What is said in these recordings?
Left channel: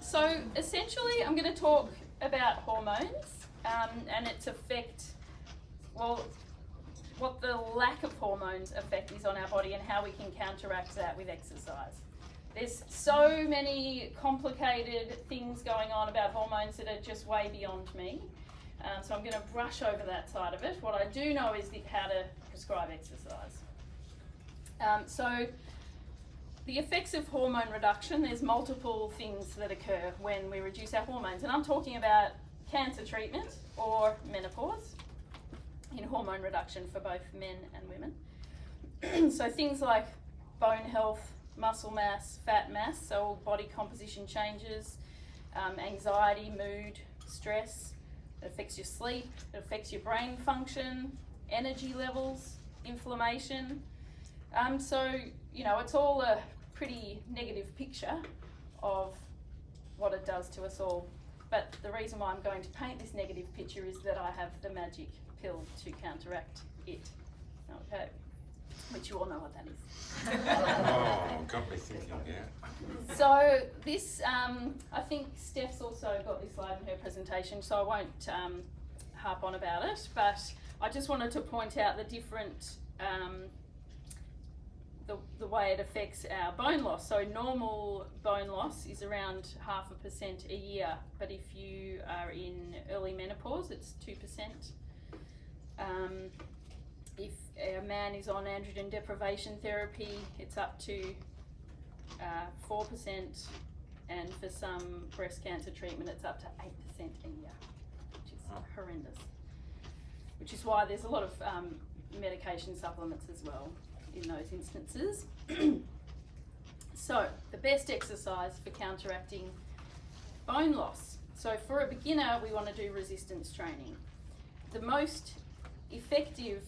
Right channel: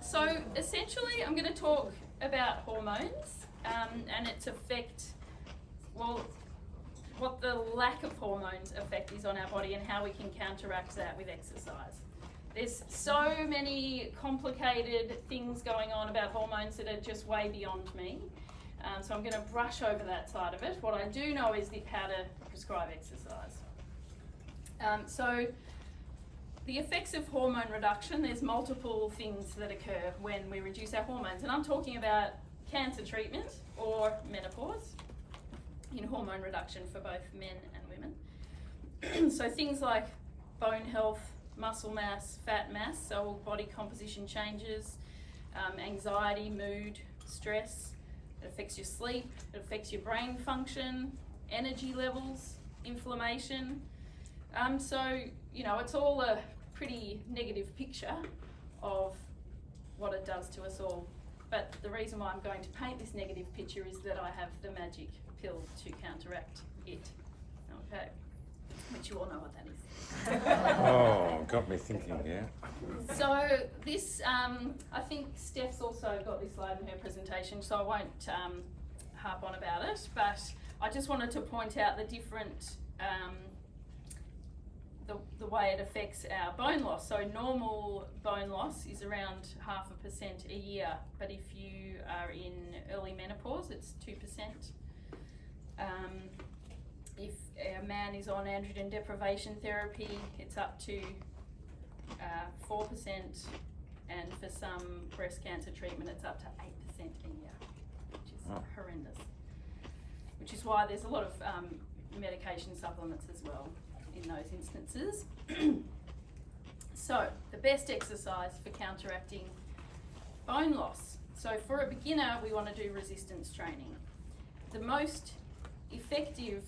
So essentially I'm going to talk about hormones and its effect, well, what the lack of hormones effect is on our body and how we can counteract that with exercise. There's so many complicated things going on about hormones that are just way beyond me. So I'm going to brush over that side of it. What I do know is how to prescribe exercise. So the effects of hormone reduction, there's multiple things that occur when we reduce our hormones. And I'm talking about cancer treatment or menopause in hormone reduction for both men and women. So things like bone health, muscle mass, fat mass, so body composition changes, anxiety, mood, stress. It affects your sleep, it affects your brain function, energy levels, inflammation. So, you know, it's all a pretty negative picture of what it does to us all. But the reason why I'm going to paint this negative picture is that I have the magic pill to counteract it. Okay, which you all know what that is. Oh, got me thinking, yeah. So this, I think Steph's also got this slide in her presentation, so I won't harp on about it, but I just wanted to point out the different, the way it affects our bone loss. So normal bone loss is around 0.5% a year, but if you are in early menopause, it's 2%. If a man is on androgen deprivation therapy, it's up to 4%, and for some breast cancer treatment, it's up to 8% a year, which is horrendous. Which is why there's a lot of medication supplements as well in those instances. So, the best exercise for counteracting bone loss. So for a beginner, we want to do resistance training. The most effective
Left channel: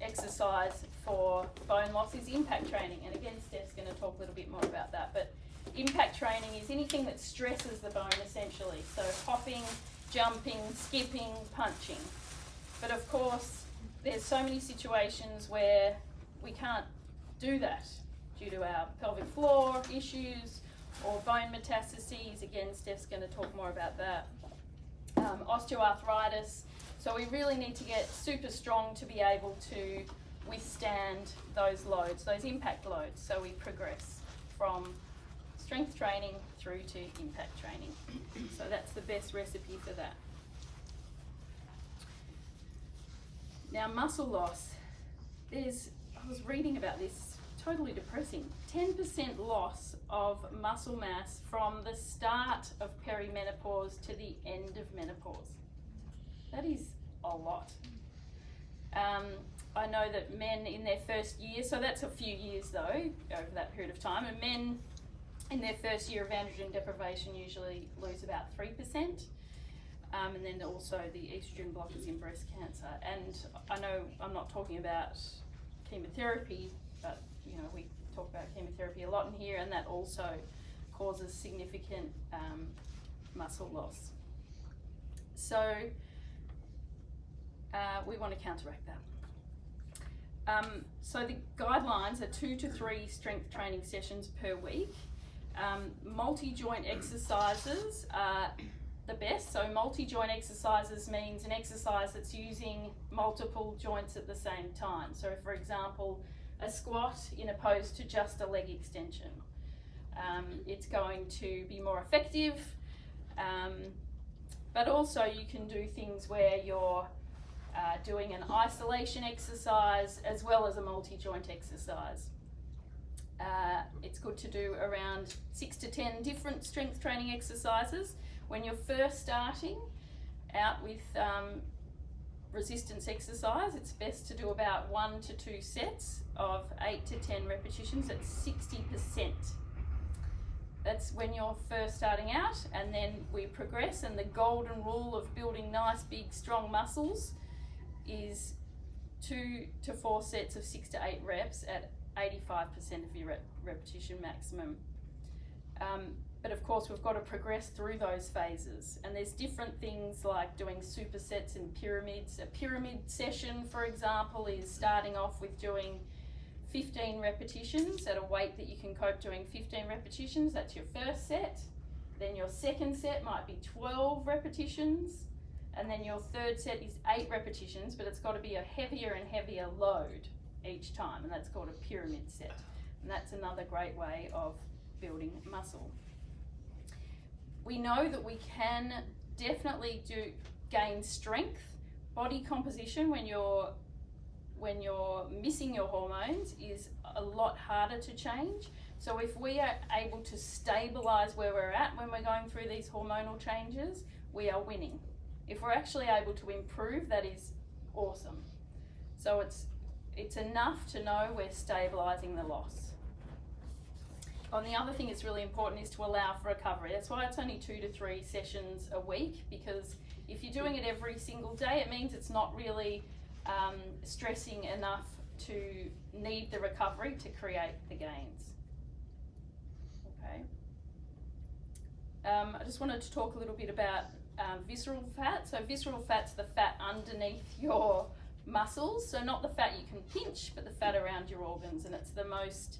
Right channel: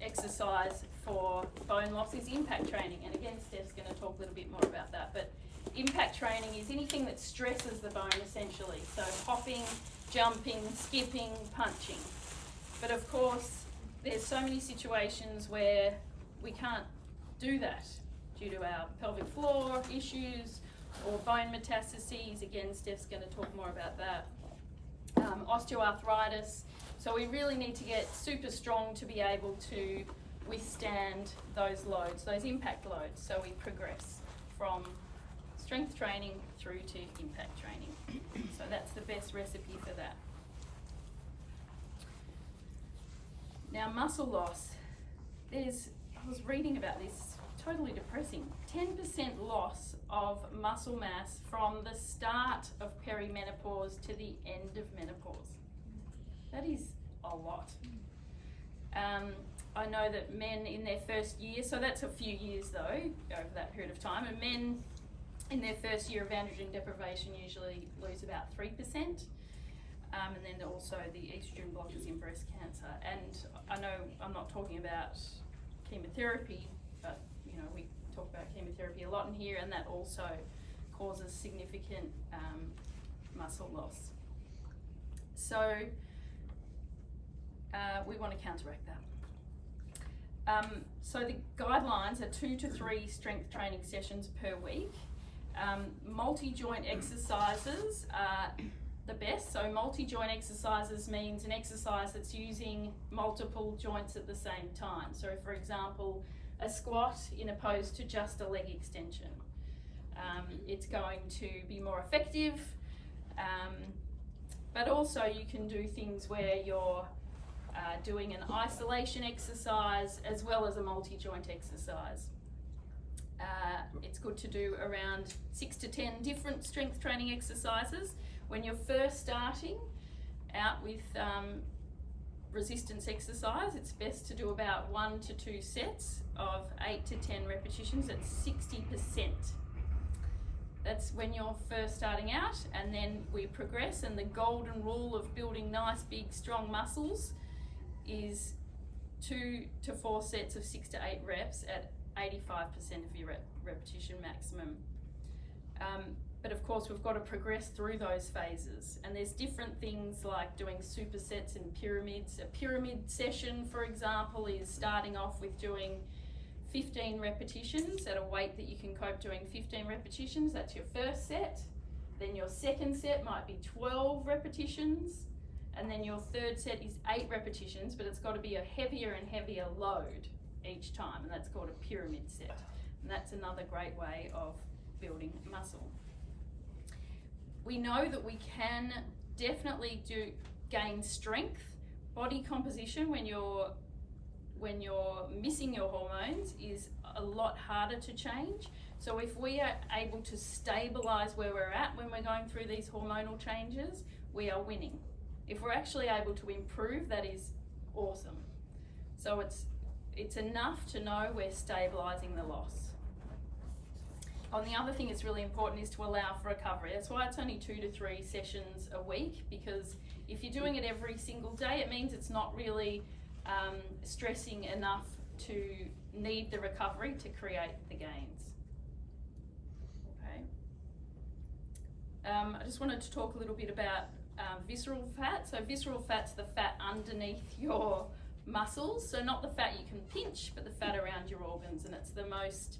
exercise for bone loss is impact training, and again Steph's going to talk a little bit more about that, but impact training is anything that stresses the bone essentially, so hopping, jumping, skipping, punching. But of course there's so many situations where we can't do that due to our pelvic floor issues or bone metastases. Again, Steph's going to talk more about that. Osteoarthritis. So we really need to get super strong to be able to withstand those loads, those impact loads. So we progress from strength training through to impact training. So that's the best recipe for that. Now muscle loss. I was reading about this, totally depressing. 10% loss of muscle mass from the start of perimenopause to the end of menopause. That is a lot. I know that men in their first year, so that's a few years though, over that period of time, and men in their first year of androgen deprivation usually lose about 3%. And then also the estrogen blockers in breast cancer. And I know I'm not talking about chemotherapy, but you know, we talk about chemotherapy a lot in here, and that also causes significant muscle loss. So we want to counteract that. So the guidelines are 2 to 3 strength training sessions per week. Multi-joint exercises are the best. So multi-joint exercises means an exercise that's using multiple joints at the same time. So for example, a squat in opposed to just a leg extension. It's going to be more effective, but also you can do things where you're doing an isolation exercise as well as a multi-joint exercise. It's good to do around 6 to 10 different strength training exercises. When you're first starting out with resistance exercise, it's best to do about 1 to 2 sets of 8 to 10 repetitions at 60%. That's when you're first starting out, and then we progress, and the golden rule of building nice, big, strong muscles is 2 to 4 sets of 6 to 8 reps at 85% of your repetition maximum. But of course we've got to progress through those phases, and there's different things like doing supersets and pyramids. A pyramid session, for example, is starting off with doing 15 repetitions at a weight that you can cope doing 15 repetitions. That's your first set. Then your second set might be 12 repetitions. And then your third set is 8 repetitions, but it's got to be a heavier and heavier load each time, and that's called a pyramid set. And that's another great way of building muscle. We know that we can definitely gain strength, body composition when you're missing your hormones is a lot harder to change. So if we are able to stabilize where we're at when we're going through these hormonal changes, we are winning. If we're actually able to improve, that is awesome. So it's enough to know we're stabilizing the loss. And the other thing that's really important is to allow for recovery. That's why it's only 2 to 3 sessions a week, because if you're doing it every single day, it means it's not really stressing enough to need the recovery to create the gains. Okay. I just wanted to talk a little bit about visceral fat. So visceral fat's the fat underneath your muscles. So not the fat you can pinch, but the fat around your organs. And it's the most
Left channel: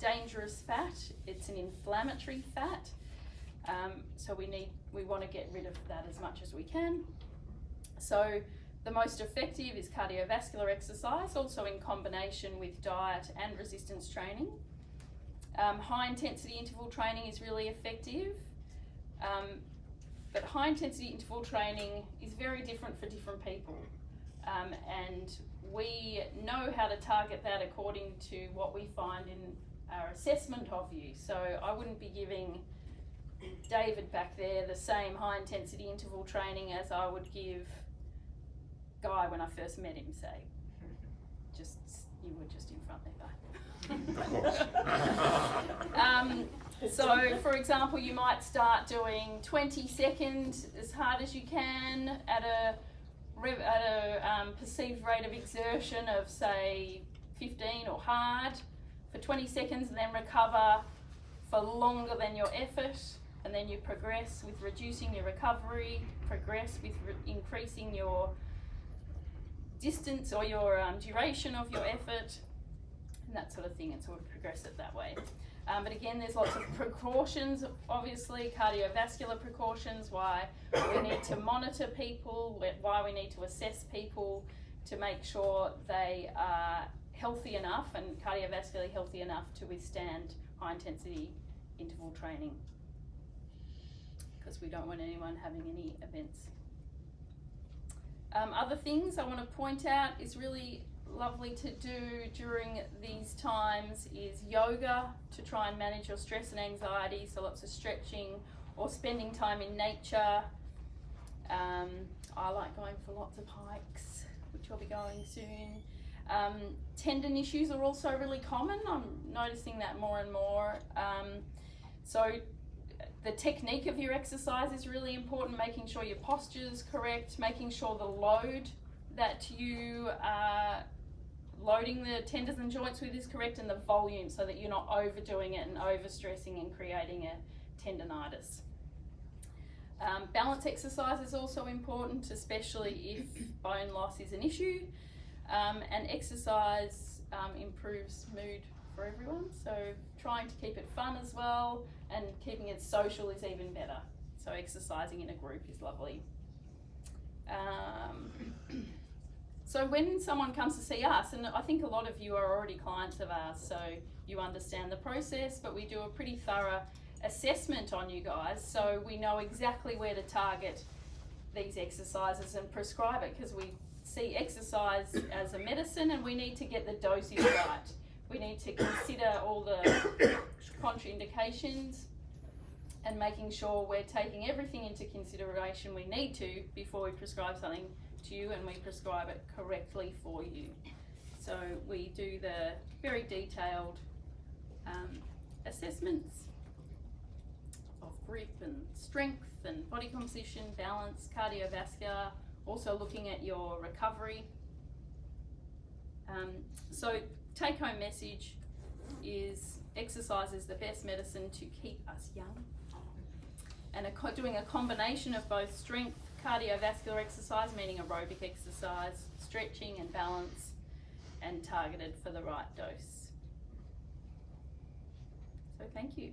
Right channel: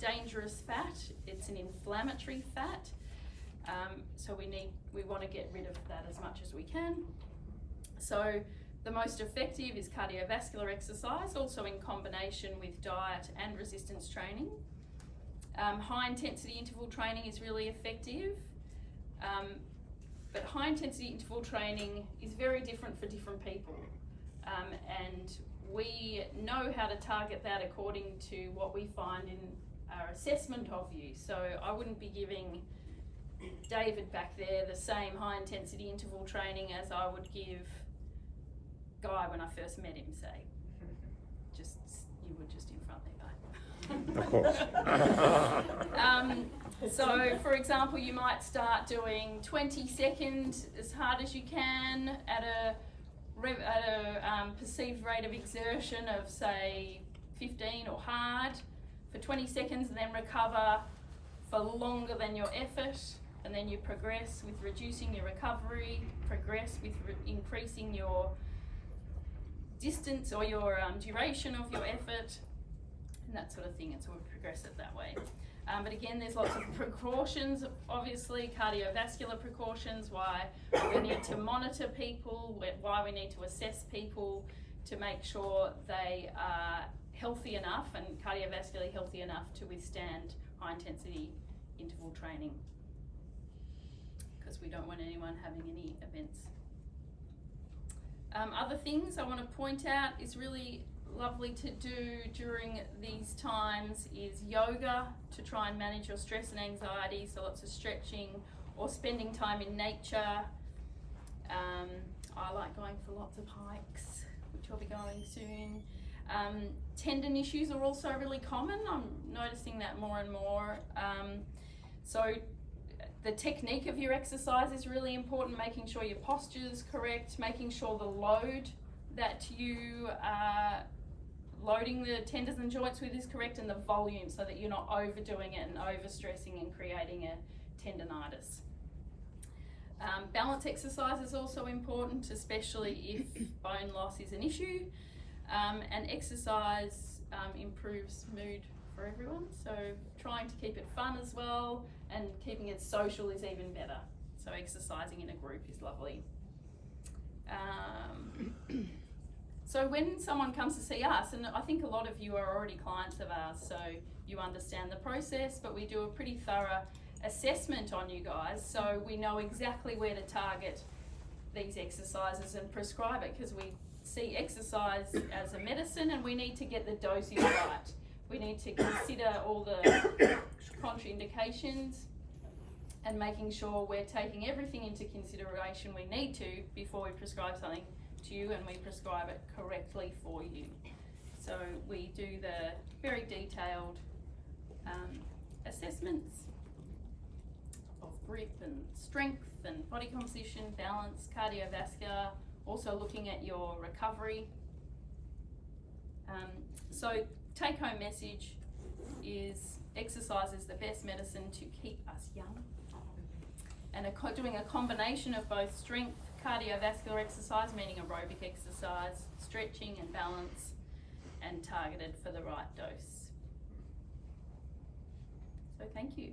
dangerous fat. It's an inflammatory fat. So we want to get rid of that as much as we can. So the most effective is cardiovascular exercise, also in combination with diet and resistance training. High intensity interval training is really effective. But high intensity interval training is very different for different people. And we know how to target that according to what we find in our assessment of you. So I wouldn't be giving David back there the same high intensity interval training as I would give Guy when I first met him, say. You were just in front there, Guy. So for example, you might start doing 20 seconds as hard as you can at a perceived rate of exertion of say 15 or hard for 20 seconds, and then recover for longer than your effort, and then you progress with reducing your recovery, progress with increasing your distance or your duration of your effort, and that sort of thing, and so we progress it that way. But again, there's lots of precautions, obviously, cardiovascular precautions, why we need to monitor people, why we need to assess people to make sure they are healthy enough and cardiovascularly healthy enough to withstand high intensity interval training, because we don't want anyone having any events. Other things I want to point out is really lovely to do during these times is yoga to try and manage your stress and anxiety, so lots of stretching or spending time in nature. I like going for lots of hikes, which I'll be going soon. Tendon issues are also really common. I'm noticing that more and more. So the technique of your exercise is really important, making sure your posture is correct, making sure the load that you are loading the tendons and joints with is correct, and the volume, so that you're not overdoing it and overstressing and creating a tendonitis. Balance exercise is also important, especially if bone loss is an issue, and exercise improves mood for everyone, so trying to keep it fun as well, and keeping it social is even better. So exercising in a group is lovely. So when someone comes to see us, and I think a lot of you are already clients of ours, so you understand the process, but we do a pretty thorough assessment on you guys, so we know exactly where to target these exercises and prescribe it, because we see exercise as a medicine and we need to get the dosage right. We need to consider all the contraindications and making sure we're taking everything into consideration we need to before we prescribe something to you, and we prescribe it correctly for you. So we do the very detailed assessments of grip and strength and body composition, balance, cardiovascular, also looking at your recovery. So take home message is exercise is the best medicine to keep us young, and doing a combination of both strength, cardiovascular exercise, meaning aerobic exercise, stretching and balance, and targeted for the right dose. So thank you.